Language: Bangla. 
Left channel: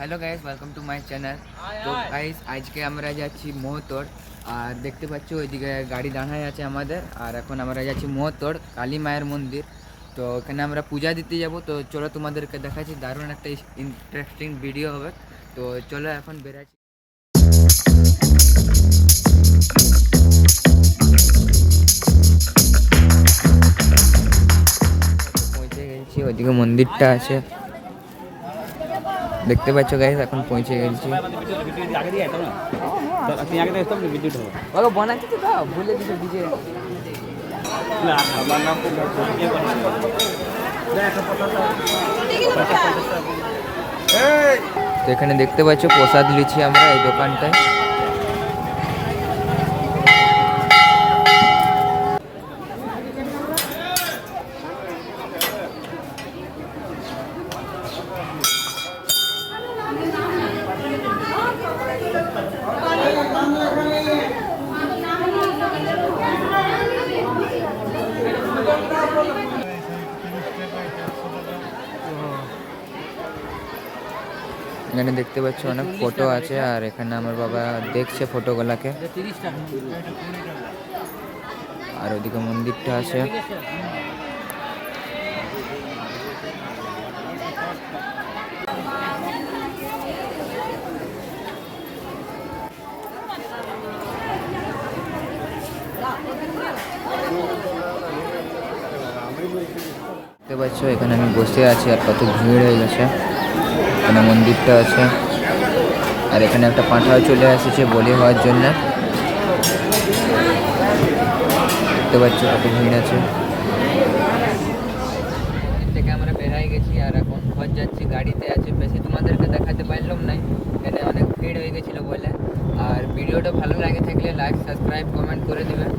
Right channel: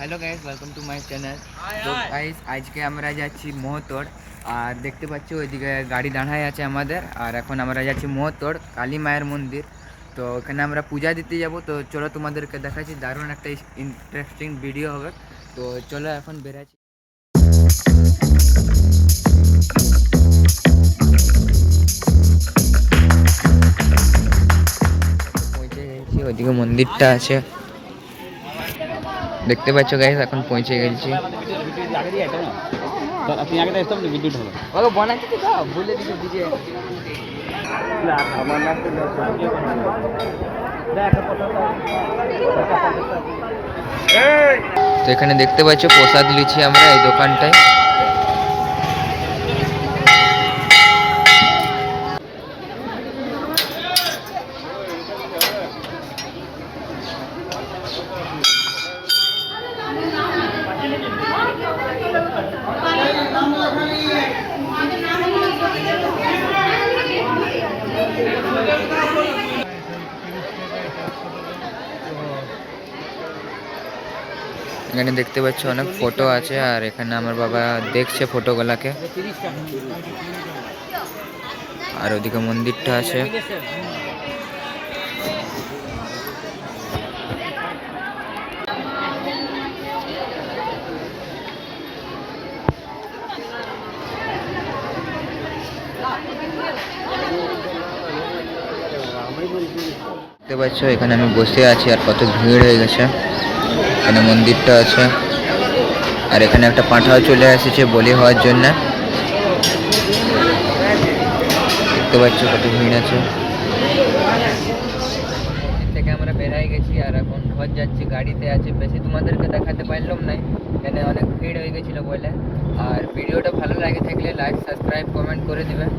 Hello guys, welcome to my channel. তো গাইস আজকে আমরা যাচ্ছি মহতোড়। আর দেখতে পাচ্ছ ওইদিকে গাড়ি দাঁড়ায় আছে আমাদের। আর এখন আমরা যাচ্ছি মহতোড় কালী মায়ের মন্দির। তো ওখানে আমরা পূজা দিতে যাব। তো চলো তোমাদেরকে দেখাচ্ছি, দারুণ একটা ইন্টারেস্টিং ভিডিও হবে। তো চলো এখন বেরাচ্ছি। পৌঁছে গেছি, ওইদিকে মন্দিরটা আছে দেখতে পাচ্ছ গাইস। এখন পৌঁছে গেছি। তো এখানে দেখতে পাচ্ছ প্রসাদ লিছি আমরা এই দোকানটায়। এখানে দেখতে পাচ্ছ অনেক ফটো আছে, আর এখানে আমার বাবা দেখছে ফটোগুলাকে। আর ওদিকে মন্দিরটা আছে। দেখতে পাচ্ছ এখানে আমি বসে আছি, আর কত ভিড় হয়ে গেছে। এখানে মন্দিরটা আছে, আর এখানে একটা পাঁঠাও চলে এসেছে বলি হওয়ার জন্য। দেখতে পাচ্ছ কত ভিড় আছে। থেকে আমরা বেরাই গেছি, আর এখন ঘর যাচ্ছি, গাড়িতে আছি। বেশি তোমাদেরকে দেখাতে পারলাম না, এখানে অনেক ভিড় হয়ে গেছিলো বলে। আর ভিডিওটা ভালো লাগে থাকলে লাইক, সাবস্ক্রাইব, কমেন্ট করে দেবেন।